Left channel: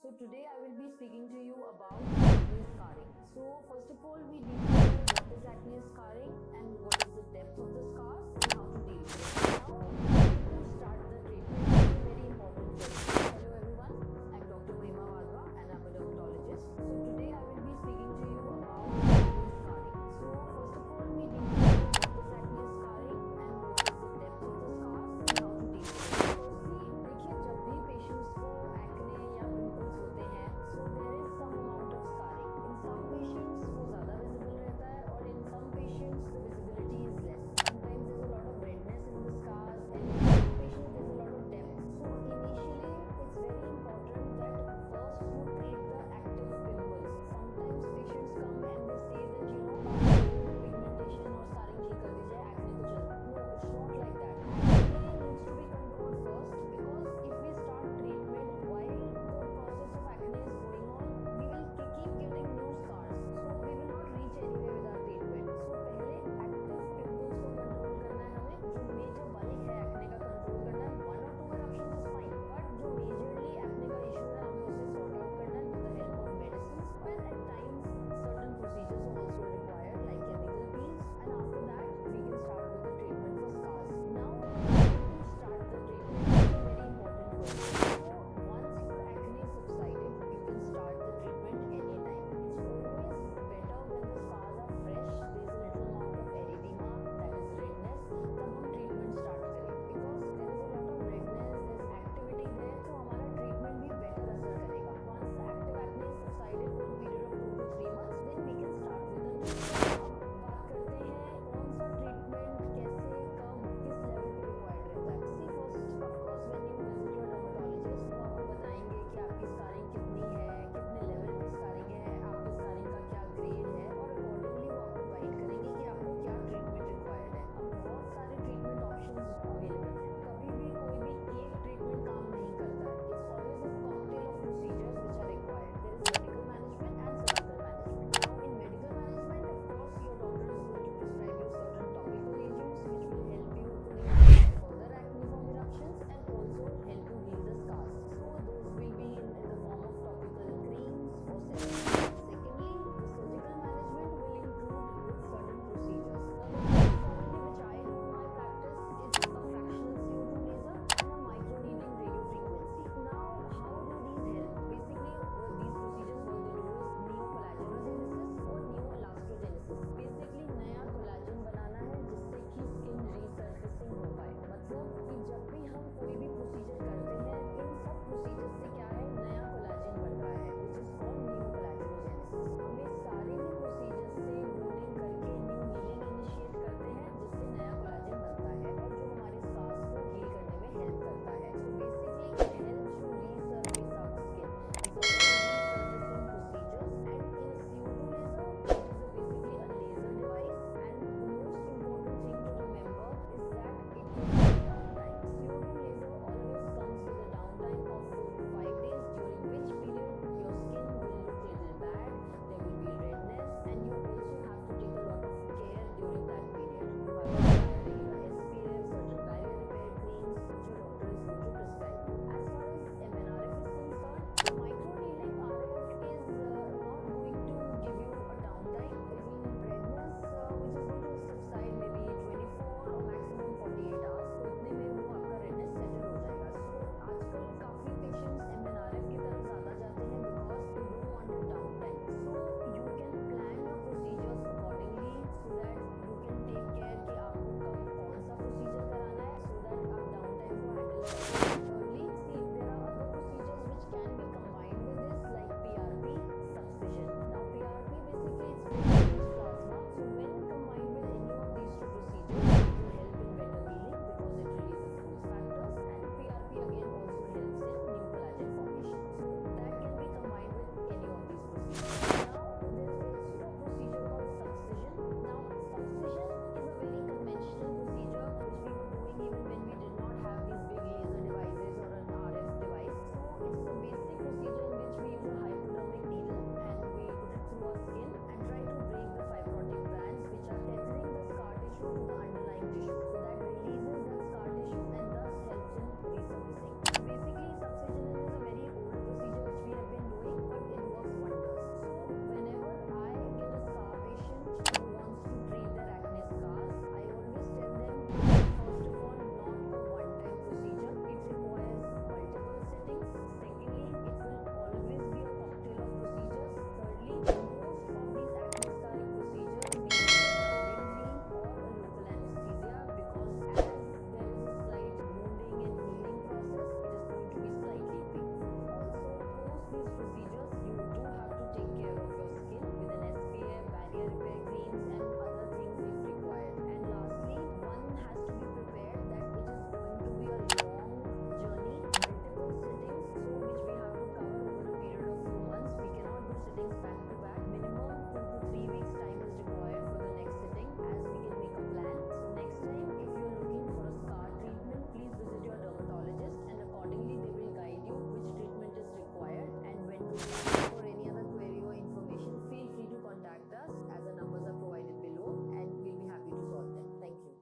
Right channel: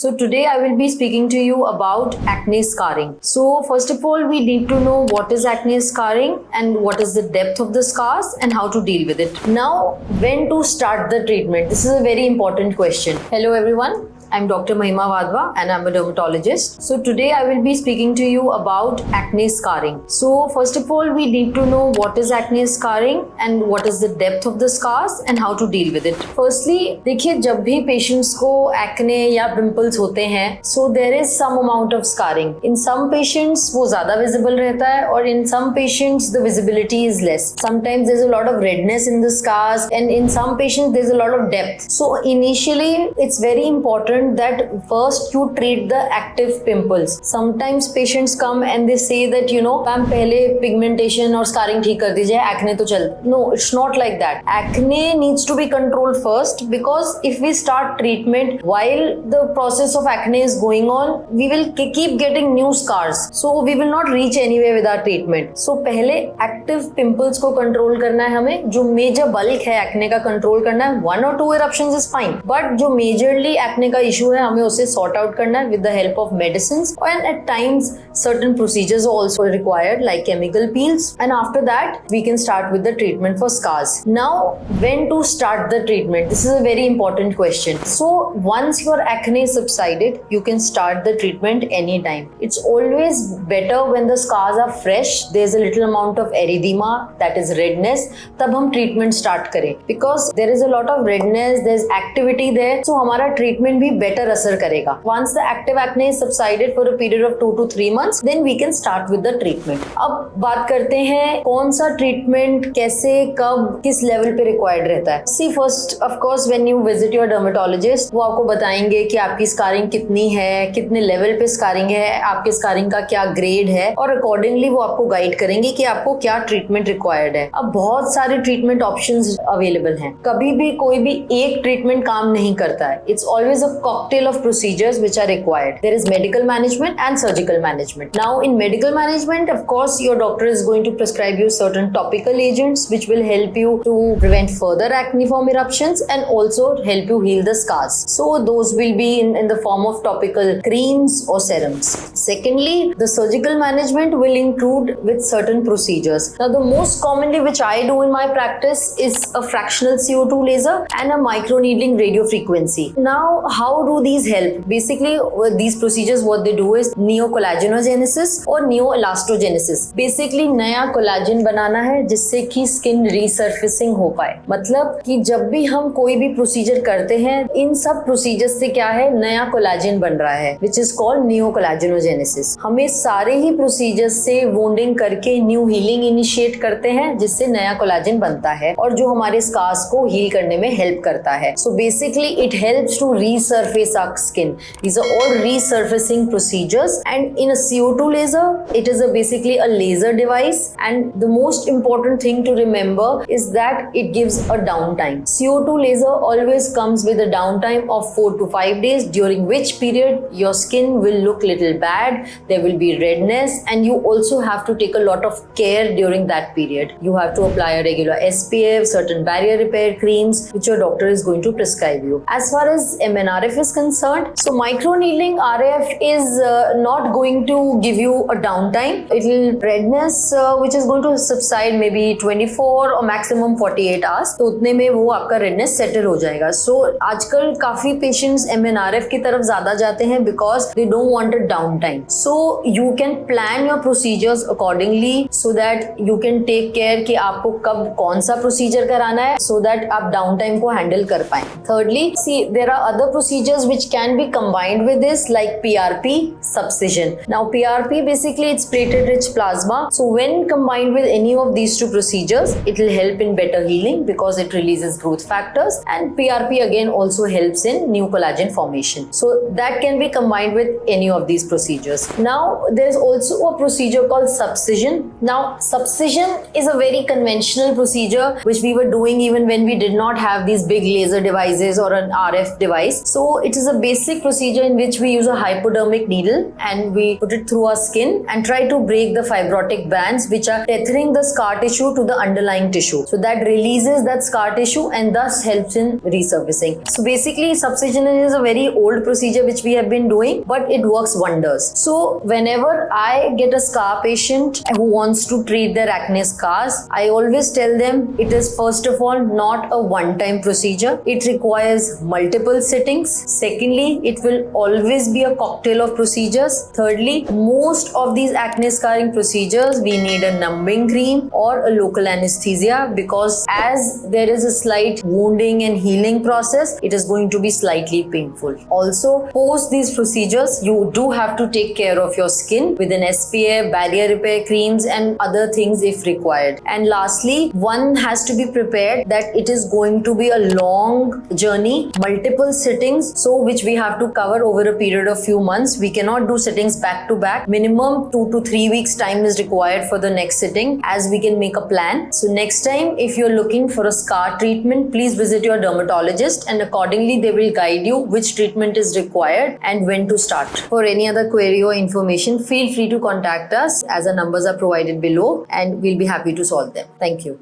So today I will be speaking to you about acne scarring. So first of all, we need to know what is acne scarring and what is the depth of the scars and how to deal with it. Now, when to start the treatment? This is a very important question. Hello everyone. I'm Dr. Mahima Vadva and I'm a dermatologist. So today I will be speaking to you about acne scarring. So first of all, we need to know what is acne scarring and what is the depth of the scars and how to deal with it. Firstly, देखिए जब भी patients को acne या pimples होते हैं, so there is some amount of scarring. In some patients वो ज़्यादा visible रहता है और in some patients the visibility is less. Sometimes there's a lot of redness in the scars and in some patients there's a lot of depth. So initially it's very important that first you treat the active pimples. Sometimes patients come and they say that ma'am पहले pigmentation और scarring ठीक कर दीजिए, acne तो चल. No, it's not like that. Acne needs to be controlled first because if we start treatment while the process of acne is going on, we will keep getting new scars. So we will not reach anywhere with our treatment. So पहले active pimples को control करना है हमें. जो major bulk है acne का control करना है. 1 or 2 eruptions is fine. But जो majorly acne का issue है हमें उसे sort out करना है with the help of medicines and at times certain procedures are also required like chemical peels, and after that we can start with the treatment for scars. Now, when to start the treatment? This is a very important question. So once your acne subsided, you can start the treatment anytime. It's always better when the scars are fresh, there's a little amount of erythema, that is redness, तब हम treatment start करें because there is a lot of redness, there's activity there, so हमारा treatment भी better असर करेगा. Once the active acne is subsided for a period of 2 to 3 months, then we can start with the treatment. अब बात करते हैं कौन सा treatment कैसे कब किस level पे required रहता है. See, first of course when you visit your dermatologist, वो आपको बताएंगे कि आपकी scarring कितनी है, कितने level पे scarring है, आपके scarring का क्या grade है और accordingly वो आपको guide करेंगे कि आपको क्या treatment required है. अब बहुत सारे treatment options available हैं. कभी भी कोई भी एक treatment काम नहीं करता है. It's always a cocktail of procedures which are required. There is medical management and surgical management. Now in medical management, of course, your doctor is going to prescribe you certain topical agents which will help you to prevent further acneiform eruptions and also help you heal the scars. So those will be in the form of topical creams or serums. Secondly, the surgical management will include with certain procedures. Now the most commonly which I do in my practice is a fractional CO2 laser and a microneedling radiofrequency. Now how do these help? Basically these procedures what they do is neocollagenesis और neoelastogenesis. Basically नया collagen बनाना है जिससे कि skin रीसर्फेसिंग हो पाए. मतलब कि जब भी हम कोई भी प्रोसीजर करते हैं इन सब प्रोसीजर से क्या है नया कोलाजन बन रहा है विच इज कॉल्ड neocollagenesis. हमें सारे ही प्रोसीजर्स से वुंडिंग करके न्यू हीलिंग इनिशिएट करते हैं जिससे नया कोलाजन बनता है और जो हमारे स्कार्स को हील करने में हेल्प करता है. So basically it helps to resurface our skin. These are all resurfacing procedures, and in a CO2 laser, it is basically a laser device, and the most important thing to remember is that it gives a downtime. CO2 laser always comes with a downtime of 4 to 5 days, during which period your skin will look little bad, there will be redness, and you also have to take a lot of care during that period. You have to apply a regular SPF, certain barrier repair creams, which your doctor is going to prescribe you. As far as MNRF is concerned, so microneedling RF is not going to give you a downtime. It will redness which is going to subside maybe 24 or maximum 48 hours. तो उतने में वो आपका redness settle हो जाएगा. So आजकल काफी patients MNRF की तरफ ज़्यादा जाते हैं because they don't want a downtime. So you can plan your procedures accordingly so that you can take care कि आपको कब कौन सा procedure कराना है so that आप downtime को handle कर पाएं. Thirdly, see there are other procedures which can be combined with this like PRP, subcision. Now PRP basically it's platelet-rich plasma. So when combined with any of these two procedures, it will help in better healing because it releases growth factors, and PRP again also helps in new collagen formation. So that can be combined with any of these procedures. Now there's also a procedure called subcision. Now subcision is a very conventional procedure which we were doing even when we did not have these big laser devices or an RF device. So So it is a basic procedure in which we use a hypodermic needle and we put it through our skin and try to break the fibrotic bands which are tethering the scar tissue to the underlying tissue. So that releases that scar tissue and thus helps in resurfacing. So basically subcision is a very old procedure which we have been doing, but it works wonders. So whenever I get a scar patient who wants to treat their acne scars, I always tell them it is first of all not a one-time procedure. It requires multiple sittings. Secondly, it will always be a cocktail of procedures. Thirdly, most of these acne scarring procedures we need a numbing cream or a local anesthesia, because as there is a slight wounding and healing process, it is going to be slightly painful. Also, post these procedures, you do have to take care of your skin with an SPF, barrier repair creams and other things if required. And lastly, one has to be prepared that it is going to be a long journey, multiple sittings, so which we have to cover over a period of few months. We cannot do sittings back to back. Minimum 2 to 3 weeks time is required for the next sitting, as we can make a plan. So next time if you're looking for a scar treatment, please visit your dermatologist and accordingly they will guide you which treatment is required and when to start. For any other query or information, feel free to contact us as our numbers are provided below and we'll be happy to solve them. Thank you.